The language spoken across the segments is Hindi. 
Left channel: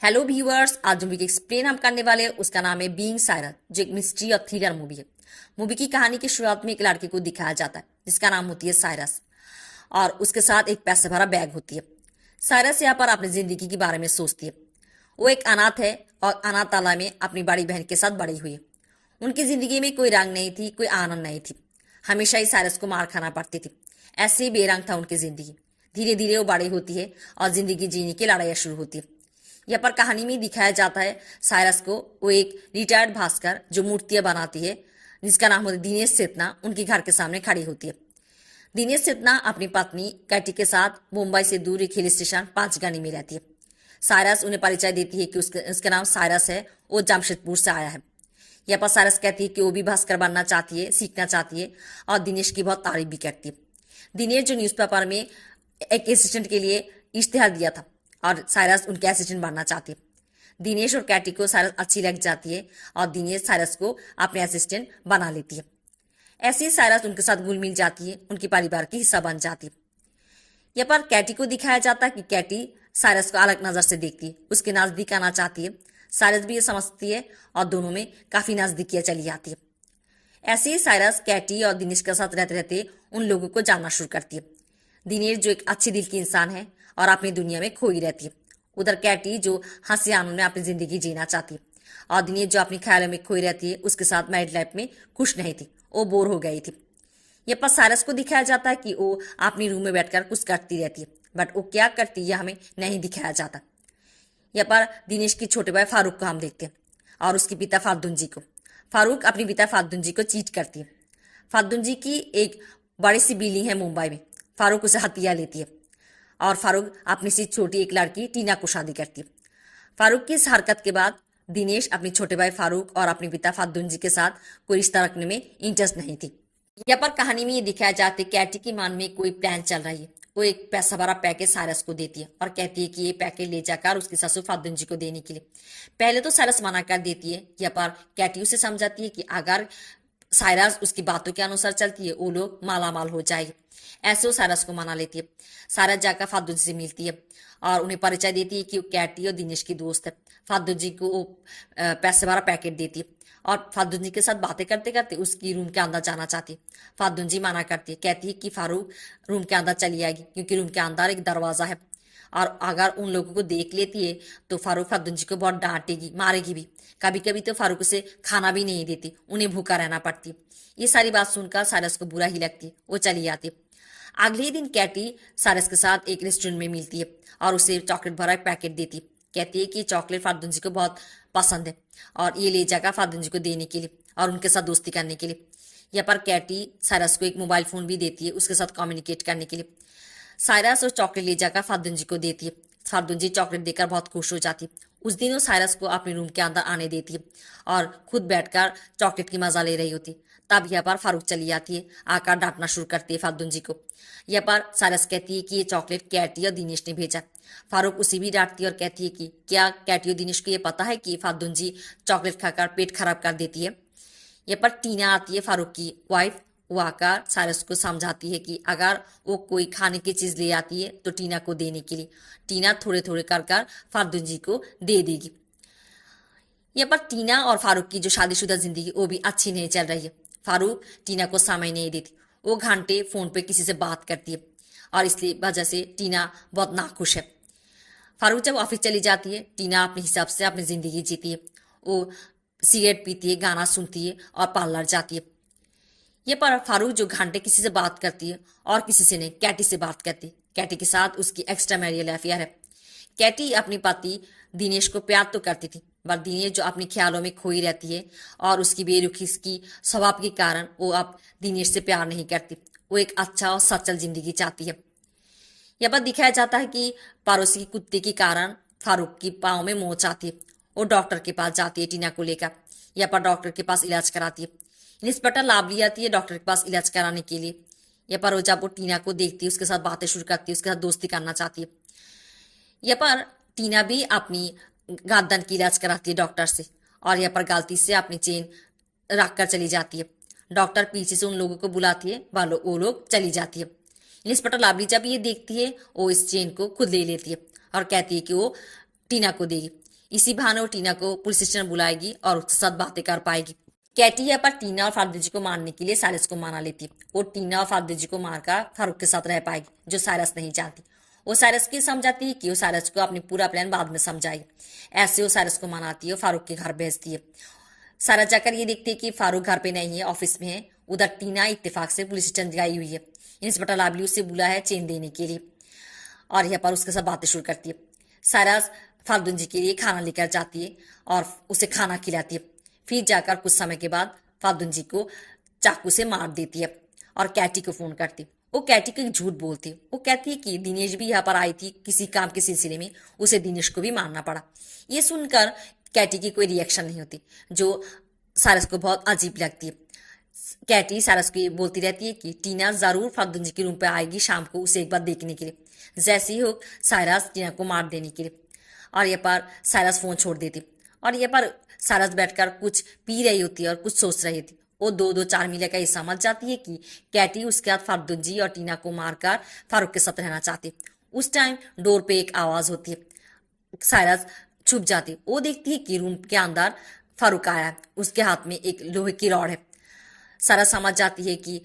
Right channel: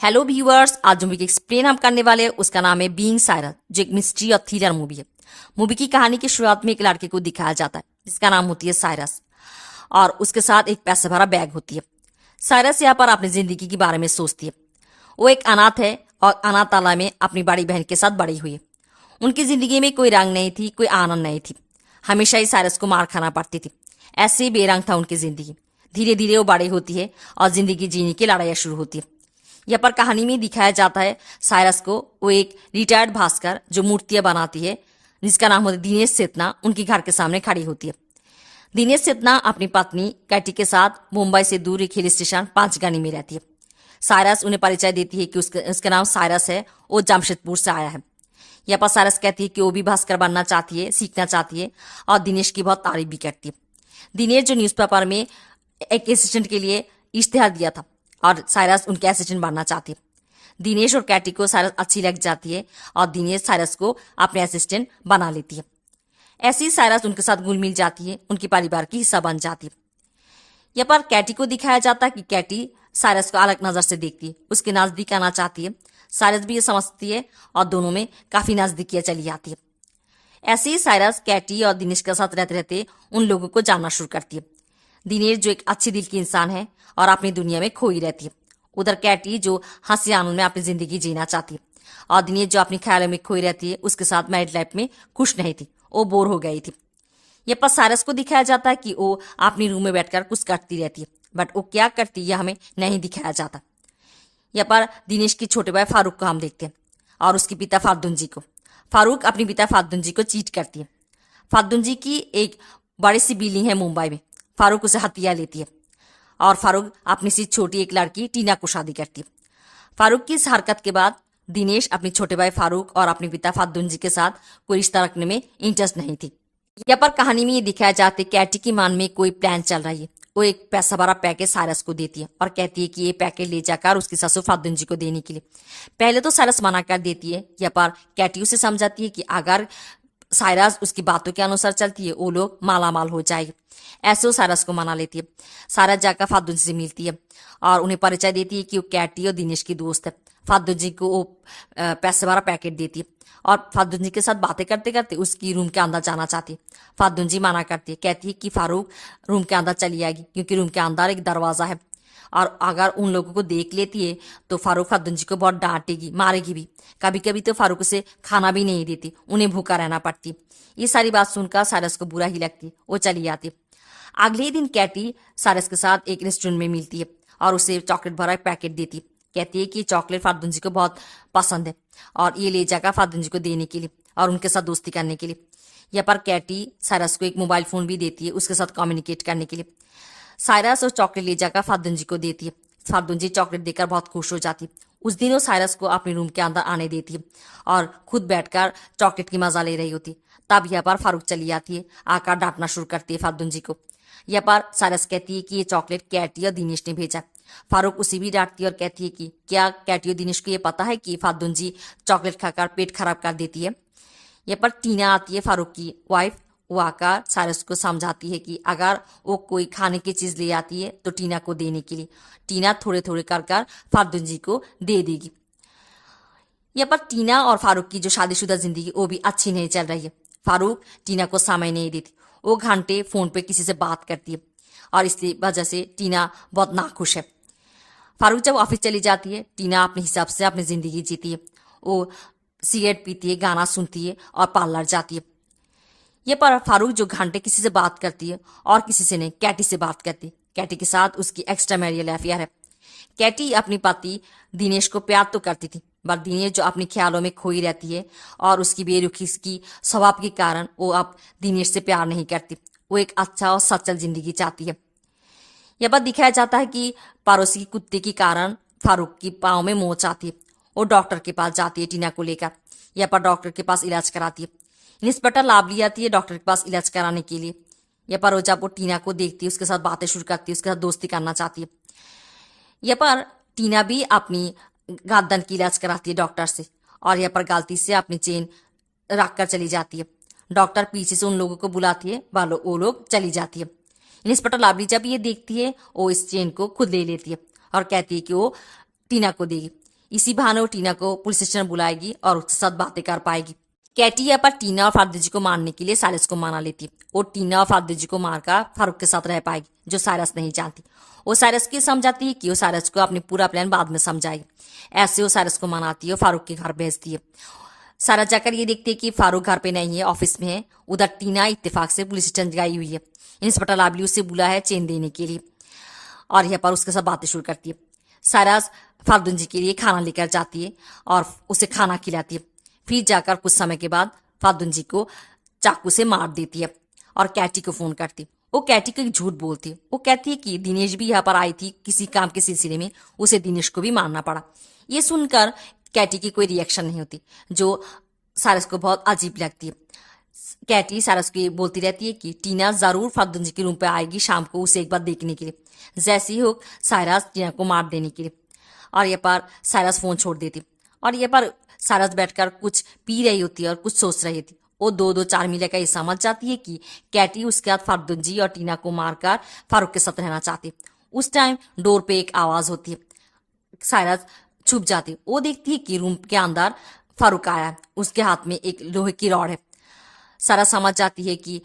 हेलो व्यूअर्स, आज जो मूवी एक्सप्लेन हम करने वाले हैं उसका नाम है बीइंग साइरस, जो एक मिस्ट्री और थ्रिलर मूवी है। मूवी की कहानी की शुरुआत में एक लड़के को दिखाया जाता है जिसका नाम होती है साइरस और उसके साथ एक पैसे भरा बैग होती है। साइरस यहाँ पर अपनी जिंदगी के बारे में सोचती है। वो एक अनाथ है और अनाथालय में अपनी बड़ी बहन के साथ बड़ी हुई है। उनकी जिंदगी में कोई रंग नहीं थी, कोई आनंद नहीं थी। हमेशा ही साइरस को मार खाना पड़ती थी। ऐसे ही बेरंग था उनकी जिंदगी। धीरे धीरे वो बड़ी होती है और जिंदगी जीने की लड़ाइयाँ शुरू होती है। यहाँ पर कहानी में दिखाया जाता है साइरस को, वो एक रिटायर्ड भास्कर जो मूर्तियां बनाती है जिसका नाम होता है दिनेश चेतना, उनके घर के सामने खड़ी होती है। दिनेश चेतना अपनी पत्नी कैटी के साथ मुंबई से दूर एक हिल स्टेशन पांचगनी में रहती है। साइरस उन्हें परिचय देती है कि उसका नाम साइरस है, वो जमशेदपुर से आया है। यहाँ पर साइरस कहती है कि वो भी भास्कर बनना चाहती है, सीखना चाहती है और दिनेश की बहुत तारीफ भी करती है। दिनेश जो न्यूज़पेपर में एक असिस्टेंट के लिए इश्तेहार दिया था और साइरस उनके असिस्टेंट बनना चाहती है। दिनेश और कैटी को साइरस अच्छी लग जाती है और दिनेश साइरस को अपने असिस्टेंट बना लेती है। ऐसे ही साइरस उनके साथ घुल मिल जाती है, उनके परिवार की हिस्सा बन जाती है। यहाँ पर कैटी को दिखाया जाता है कि कैटी साइरस को अलग नजर से देखती है, उसके नजदीक आना चाहती है। साइरस भी ये समझती है और दोनों में काफी नजदीकियां चली जाती है। ऐसे ही साइरस कैटी और दिनेश के साथ रहते रहते उन लोगों को जानना शुरू करती है। दिनेश जो एक अच्छी दिल की इंसान है और अपनी दुनिया में खोई रहती है। उधर कैटी जो हंसी आनंद में अपनी जिंदगी जीना चाहती है और दिनेश जो अपनी ख्यालों में खोई रहती है, उसके साथ मैरिड लाइफ में खुश नहीं थी, वो बोर हो गई थी। ये पर साइरस को दिखाया जाता है कि वो अपनी रूम में बैठकर कुछ करती रहती है, बट वो क्या करती है हमें नहीं दिखाया जाता। यहाँ पर दिनेश के छोटे भाई फारूक को हम देखते हैं और उसके पिता फादुन जी को। फारूक अपने पिता फादुन जी को चीट करती है। फादुन जी की एक बड़ी सी बिल्डिंग है मुंबई में। फारूक उसे हथिया लेती है और फारूक अपनी सी छोटी एक लड़की टीना को शादी करती है। फारूक की इस हरकत के बाद दिनेश अपने छोटे भाई फारूक और अपने पिता फादुन जी के साथ कोई रिश्ता रखने में इंटरेस्ट नहीं थी। यहाँ पर कहानी में ये दिखाया जाता है कैटी की मन में कोई प्लान चल रही है। वो एक पैसा भरा पैकेज साइरस को देती है और कहती है कि ये पैकेज ले जाकर उसकी ससुर फादुन जी को देने के लिए। पहले तो साइरस मना कर देती है। यहाँ पर कैटी उसे समझाती है कि अगर साइरस उसकी बातों के अनुसार चलती है वो लोग माला माल हो जाएगी। ऐसे वो साइरस को मना लेती है। साइरस जाकर फादुन से मिलती है और उन्हें परिचय देती है कि वो कैटी और दिनेश की दोस्त है। फादुन जी को वो पैसे भरा पैकेट देती है और फादुन जी के साथ बातें करते करते उसकी रूम के अंदर जाना चाहती है। फादुन जी मना करती है, कहती है कि फारूक रूम के अंदर चली आएगी क्योंकि रूम के अंदर एक दरवाजा है और अगर उन लोगों को देख लेती है तो फारूक फादुन जी को बहुत डांटेगी, मारेगी भी। कभी कभी तो फारूक उसे खाना भी नहीं देती, उन्हें भूखा रहना पड़ती। ये सारी बात सुनकर साइरस को बुरा ही लगती, वो चली जाती। अगले ही दिन कैटी साइरस के साथ एक रेस्टोरेंट में मिलती है और उसे चॉकलेट भरा एक पैकेट देती। कहती है कि चॉकलेट फादुन जी को बहुत पसंद है और ये ले जाकर फादुन जी को देने के लिए और उनके साथ दोस्ती करने के लिए। यहाँ पर कैटी साइरस को एक मोबाइल फोन भी देती है उसके साथ कम्युनिकेट करने के लिए। साइरस और चॉकलेट ले जाकर फादुन जी को देती है। फादुन जी चॉकलेट देकर बहुत खुश हो जाती है। उस दिन वो साइरस को अपने रूम के अंदर आने देती है और खुद बैठकर चॉकलेट की मजा ले रही होती। तब यहाँ पर फारूक चली आती है, आकर डांटना शुरू करती है फादुन जी को। यहाँ पर साइरस कहती है कि ये चॉकलेट कैटी और दिनेश ने भेजा। फारूक उसे भी डांटती है और कहती है कि क्या कैटी और दिनेश को ये पता है कि फादुन जी चॉकलेट खाकर पेट खराब कर देती है। यहाँ पर टीना आती है फारूक की वाइफ। वो आकर साइरस को समझाती है कि अगर वो कोई खाने की चीज ले आती है तो टीना को देने के लिए टीना थोड़े थोड़े कर कर फादुन जी को दे देगी। यहाँ पर टीना और फारूक की जो शादीशुदा जिंदगी वो भी अच्छी नहीं चल रही है। फारूक टीना को समय नहीं देती, वो घंटे फोन पे किसी से बात करती है और इसलिए वजह से टीना बहुत नाखुश है। फारूक जब ऑफिस चली जाती है, टीना अपने हिसाब से अपनी जिंदगी जीती है। वो सिगरेट पीती है, गाना सुनती है और पार्लर जाती है। ये पर फारूक जो घंटे किसी से बात करती है और किसी से नहीं, कैटी से बात करती है। कैटी के साथ उसकी एक्स्ट्रा मैरियल अफेयर है। कैटी अपनी पति दिनेश को प्यार तो करती थी, बट दिनेश जो अपने ख्यालों में खोई रहती है और उसकी बेरुखी की स्वभाव के कारण वो अब दिनेश से प्यार नहीं करती। वो एक अच्छा और सचल जिंदगी चाहती है। यह बात दिखाया जाता है कि पड़ोसी के कुत्ते के कारण फारूक की पाँव में मोच आती है। वो डॉक्टर के पास जाती है टीना को लेकर। यह पर डॉक्टर के पास इलाज कराती है। इंस्पेक्टर लावली आती है डॉक्टर के पास इलाज कराने के लिए। यह पर जब वो टीना को देखती है, उसके साथ बातें शुरू करती है, उसके साथ दोस्ती करना चाहती है। यह पर टीना भी अपनी गर्दन की इलाज कराती है डॉक्टर से और यह पर गलती से अपनी चेन रख कर चली जाती है। डॉक्टर पीछे से उन लोगों को बुलाती है, वो लोग चली जाती है। इंस्पेक्टर लावली जब ये देखती है वो इस चेन को खुद ले लेती है और कहती है कि वो टीना को देगी। इसी बहाने वो टीना को पुलिस स्टेशन बुलाएगी और उसके साथ बातें कर पाएगी। कैटी यहाँ पर टीना और फारुक जी को मारने के लिए साइरस को मना लेती है। वो टीना और फारुक जी को मारकर फारूक के साथ रह पाएगी, जो साइरस नहीं जानती। वो साइरस की समझाती है कि वो साइरस को अपनी पूरा प्लान बाद में समझाएगी। ऐसे वो साइरस को मनाती है और फारूक के घर भेजती है। साइरस जाकर ये देखती है कि फारूक घर पे नहीं है, ऑफिस में है। उधर टीना इत्तेफाक से पुलिस स्टेशन गई हुई है। इंस्पेक्टर लाबली उसे बुला है चेन देने के लिए और यहाँ पर उसके साथ बातें शुरू करती है। साइरस फारुक जी के लिए खाना लेकर जाती है और उसे खाना खिलाती है। फिर जाकर कुछ समय के बाद फारुक जी को चाकू से मार देती है और कैटी को फोन करती है। वो कैटी को एक झूठ बोलती है। वो कहती है कि दिनेश भी यहाँ पर आई थी किसी काम के सिलसिले में, उसे दिनेश को भी मारना पड़ा। ये सुनकर कैटी की कोई रिएक्शन नहीं होती, जो साइरस को बहुत अजीब लगती है। कैटी साइरस को बोलती रहती है कि टीना जरूर फारुक जी के रूम पे आएगी शाम को उसे एक बार देखने के लिए। जैसे ही हो साइरस टीना को मार देने के लिए और ये पर साइरस फोन छोड़ देती और ये पर साइरस बैठकर कुछ पी रही होती है और कुछ सोच रही थी। वो दो चार मील का ये समझ जाती है कि कैटी उसके बाद फारुक जी और टीना को मारकर फारूक के साथ रहना चाहती। उस टाइम डोर पे एक आवाज होती है। साइरस छुप जाती। वो देखती है कि रूम के अंदर फारूक आया है, उसके हाथ में एक लोहे की रॉड है। साइरस समझ जाती है कि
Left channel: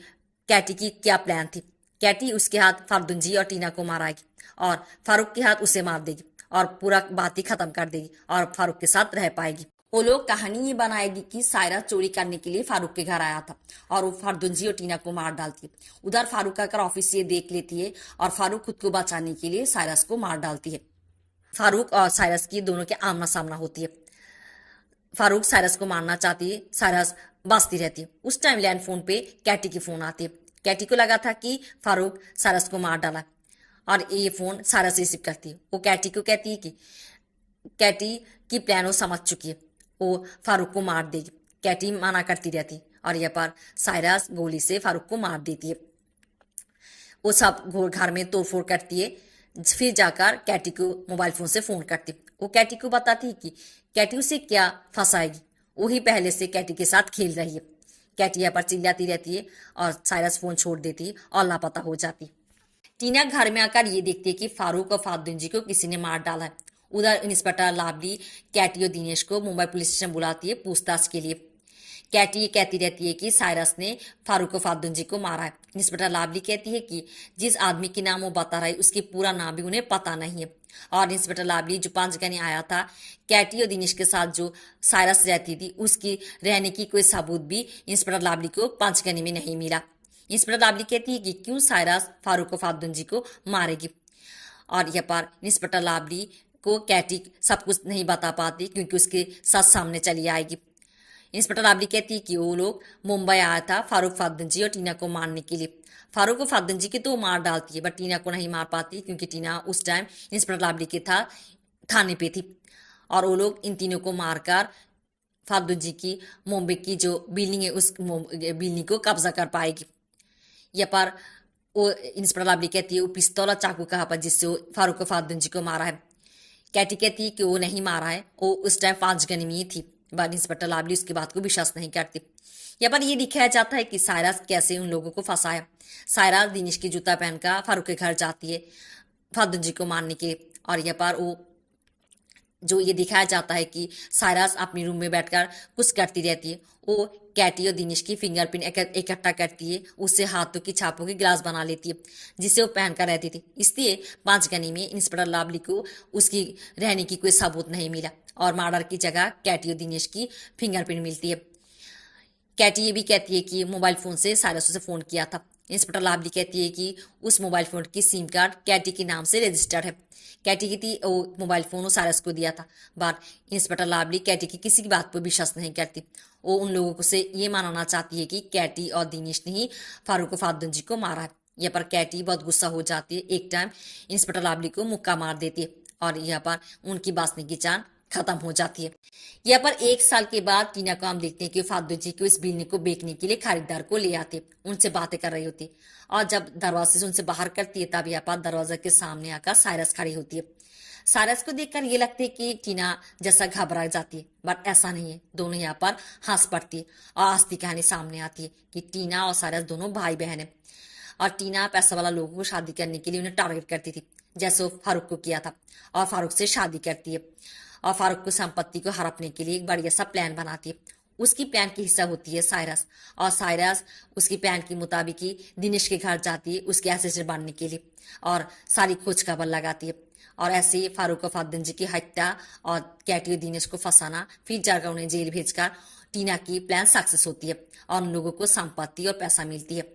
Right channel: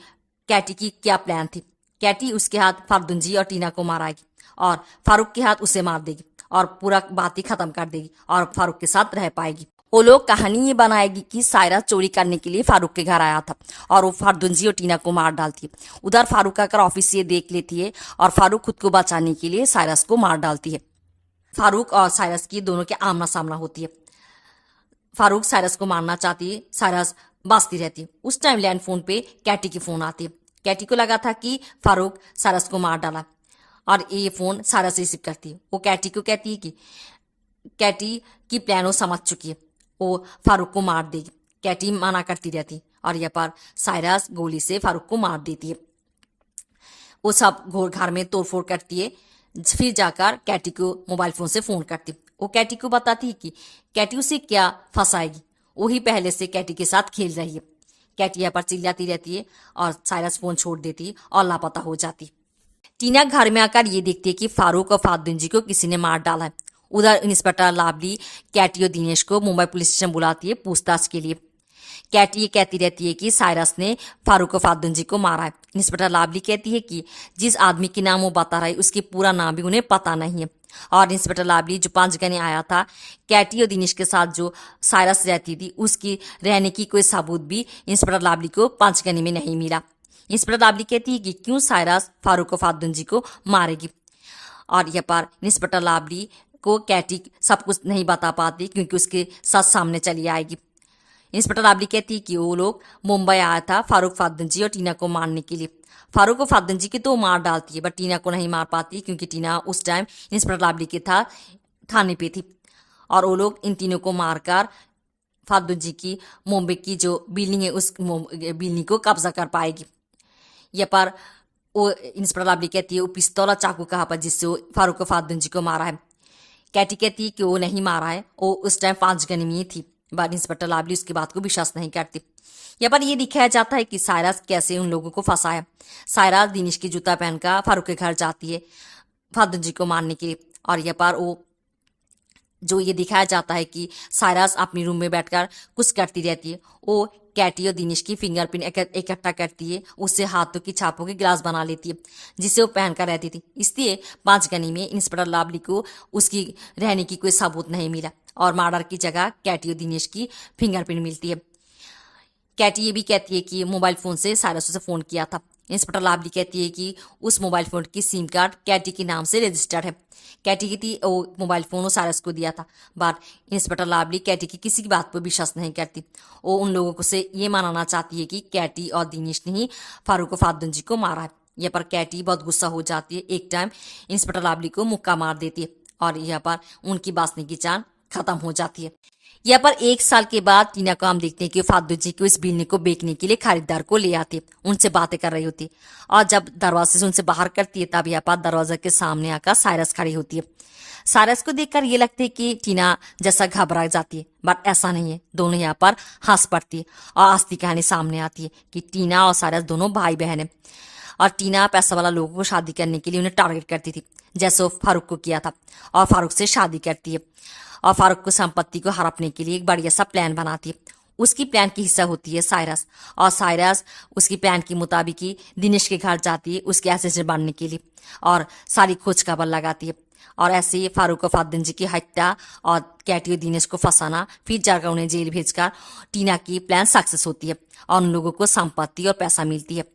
कैटी की क्या प्लान थी। कैटी उसके हाथ फारुक जी और टीना को माराएगी और फारूक के हाथ उसे मार देगी और पूरा बात ही खत्म कर देगी और फारूक के साथ रह पाएगी। वो लोग कहानी ये बनाएगी कि साइरस चोरी करने के लिए फारूक के घर आया था और वो फारुक जी और टीना को मार डालती है। उधर फारूक आकर ऑफिस से देख लेती है और फारूक खुद को बचाने के लिए साइरस को मार डालती है। फारूक और साइरस की दोनों के आमना सामना होती है। फारूक साइरस को मारना चाहती है, साइरस बचती रहती है। उस टाइम लैंड फोन पे कैटी की फोन आती है। कैटी को लगा था कि फारूक साइरस को मार डाला और ये फोन साइरस रिसीव करती है। वो कैटी को कहती है कि कैटी की प्लान वो समझ चुकी है, वो फारूक को मार देगी। कैटी मना करती रहती और यहाँ पर साइरस गोली से फारूक को मार देती है। वो सब घर में तोड़फोड़ करती है। फिर जाकर कैटी को मोबाइल फोन से फोन करती। वो कैटी को बताती है कि कैटी उसे क्या फंसाएगी, वही पहले से कैटी के साथ खेल रही है। कैटी यहाँ पर चिल्लाती रहती है और साइरस फोन छोड़ देती और लापता हो जाती। टीना घर में आकर ये देखती है कि फारूक और फारुक जी को किसी ने मार डाला है। उधर इंस्पेक्टर लावली कैटी और दिनेश को मुंबई पुलिस स्टेशन बुलाती है पूछताछ के लिए। कैटी ये कहती रहती है कि साइरस ने फारूक और फारुक जी को मारा है। इंस्पेक्टर लावली कहती है कि जिस आदमी के नाम वो बता रहा है उसके पूरा नाम भी उन्हें पता नहीं है। और इंस्पेक्टर लावली जो 5 गने आया था कैटी और दिनेश के साथ जो साइरस रहती थी उसकी रहने की कोई सबूत भी इंस्पेक्टर लावली को 5 गने में नहीं मिला। इंस्पेक्टर लावली कहती है कि क्यों साइरस फारूक और फारुक जी को मारेगी और यहाँ पर इंस्पेक्टर लावली को कैटी सब कुछ नहीं बता पाती क्योंकि उसके साथ सामने चली आएगी। इंस्पेक्टर लावली कहती है कि वो लोग मुंबई आया था फारूक जी और टीना को मारने के लिए। फारूक और फारुक जी की तो मार डालती है बट टीना को नहीं मार पाती क्योंकि टीना उस टाइम इंस्पेक्टर लावली के था थाने पे थी और वो लोग इन तीनों को मारकर फारुक जी की मुंबई की जो बिल्डिंग है उस बिल्डिंग को कब्जा कर पाएगी। यहाँ पर वो इंस्पेक्टर लावली कहती है वो पिस्तौल और चाकू कहाँ पर जिससे वो फारूक और फारुक जी को मारा है। कैटी कहती है कि वो नहीं मारा है, वो उस टाइम 5 गने में ही थी बट इंस्पेक्टर लावली उसकी बात को विश्वास नहीं करती। यहाँ पर ये दिखाया जाता है कि साइरस कैसे उन लोगों को फंसाया। साइरस दिनेश की जूता पहनकर फारूक के घर जाती है फारुक जी को मारने के लिए और यहाँ पर वो जो ये दिखाया जाता है कि साइरस अपनी रूम में बैठकर कुछ करती रहती है। वो कैटी और दिनेश की फिंगरप्रिंट इकट्ठा करती है, उससे हाथों की छापों की ग्लास बना लेती है जिसे वो पहनकर रहती थी। इसलिए 5 गनी में इंस्पेक्टर लावली को उसकी रहने की कोई सबूत नहीं मिला और मर्डर की जगह कैटी और दिनेश की फिंगरप्रिंट मिलती है। कैटी ये भी कहती है कि मोबाइल फोन से साइरस उसे फोन किया था। इंस्पेक्टर लावली कहती है कि उस मोबाइल फोन की सिम कार्ड कैटी के नाम से रजिस्टर्ड है। कैटी की थी वो मोबाइल फोन वो साइरस को दिया था बट इंस्पेक्टर लावली कैटी की किसी की बात पर विश्वास नहीं करती। वो उन लोगों को से ये मानना चाहती है कि कैटी और दिनेश ने ही फारूक और फारुक जी को मारा है। यहाँ पर कैटी बहुत गुस्सा हो जाती है। एक टाइम इंस्पेक्टर लावली को मुक्का मार देती है और यहाँ पर उनकी बांसने की जान खत्म हो जाती है। यहाँ पर 1 साल के बाद टीना को हम देखते हैं कि फारुक जी को इस बिल्डिंग को बेचने के लिए खरीदार को ले आती है, उनसे बातें कर रही होती है और जब दरवाजे से उनसे बाहर करती है तब यहाँ पर दरवाजे के सामने आकर साइरस खड़ी होती है। साइरस को देखकर ये लगता है कि टीना जैसा घबरा जाती है बट ऐसा नहीं है। दोनों यहाँ पर हंस पड़ती है और असली कहानी सामने आती है कि टीना और साइरस दोनों भाई बहन है और टीना पैसा वाला लोगों को शादी करने के लिए उन्हें टारगेट करती थी जैसे वो फारूक को किया था और फारूक से शादी करती है और फारूक को संपत्ति को हड़पने के लिए एक बढ़िया सा प्लान बनाती है। उसकी प्लान की हिस्सा होती है साइरस, और साइरस उसकी प्लान के मुताबिक ही दिनेश के घर जाती है उसके असिस्टेंट बनने के लिए और सारी खोज खबर लगाती है। और ऐसे ही फारूक और फातिन जी की हत्या और कैटी और दिनेश को फंसाना, फिर जाकर उन्हें जेल भेजकर टीना की प्लान सक्सेस होती है और उन लोगों को संपत्ति और पैसा मिलती है।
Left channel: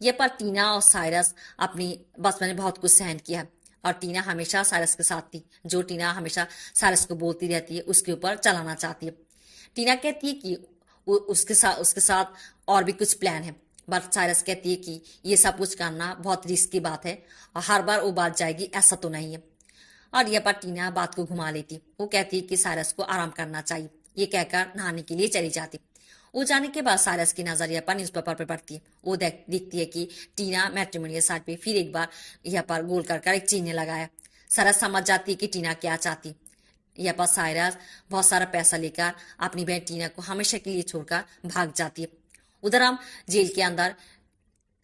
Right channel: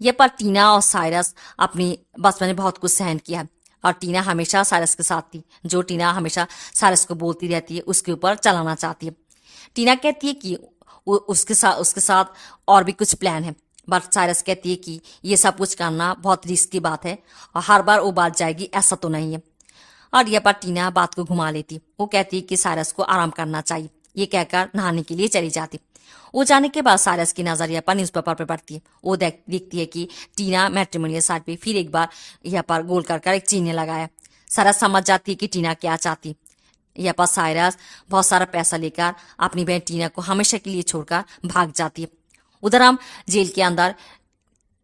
ये पर टीना और साइरस अपनी बचपन में बहुत कुछ सहन किया और टीना हमेशा साइरस के साथ थी। जो टीना हमेशा साइरस को बोलती रहती है उसके ऊपर चलाना चाहती है। टीना कहती है कि उसके साथ और भी कुछ प्लान है, बट साइरस कहती है कि ये सब कुछ करना बहुत रिस्क की बात है और हर बार वो बात जाएगी ऐसा तो नहीं है। और यह पर टीना बात को घुमा लेती। वो कहती है कि साइरस को आराम करना चाहिए। ये कहकर नहाने के लिए चली जाती। वो जाने के बाद साइरस की नजर यहाँ पर न्यूज़पेपर पर पड़ती है। वो देखती है कि टीना मैट्रिमोनियल साइट पे फिर एक बार यहाँ पर गोल कर एक चिन्ह लगाया। साइरस समझ जाती है कि टीना क्या चाहती। यहाँ पर साइरस बहुत सारा पैसा लेकर अपनी बहन टीना को हमेशा के लिए छोड़कर भाग जाती है। उधर हम जेल के अंदर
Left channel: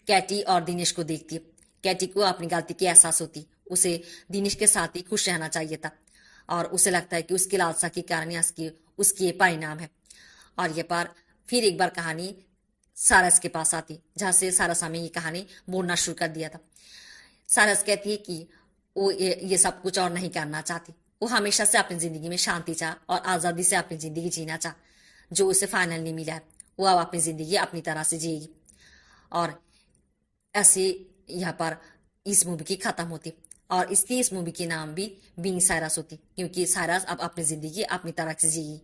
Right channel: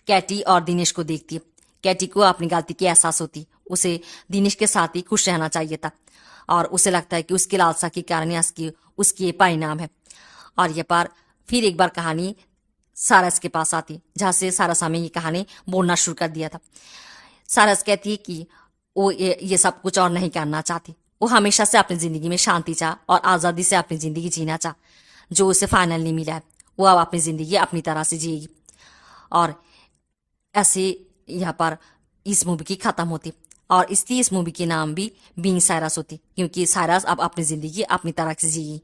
कैटी और दिनेश को देखती है। कैटी को अपनी गलती की एहसास होती। उसे दिनेश के साथ ही खुश रहना चाहिए था और उसे लगता है कि उसकी लालसा के कारण उसकी परिणाम है। और ये पर फिर एक बार कहानी सारस के पास आती, जहाँ से सारस हमें ये कहानी बोलना शुरू कर दिया था। सारस कहती है कि वो ये सब कुछ और नहीं करना चाहती। वो हमेशा से अपनी जिंदगी में शांति चाह और आज़ादी से अपनी जिंदगी जीना चाह, जो उसे फाइनल नहीं मिला है। वो अब अपनी जिंदगी अपनी तरह से जिएगी। और ऐसे यहाँ पर इस मूवी की खत्म होती और इसलिए इस मूवी के नाम भी बीइंग साइरस होती, क्योंकि साइरस अब अपनी जिंदगी अपनी तरह से जिएगी।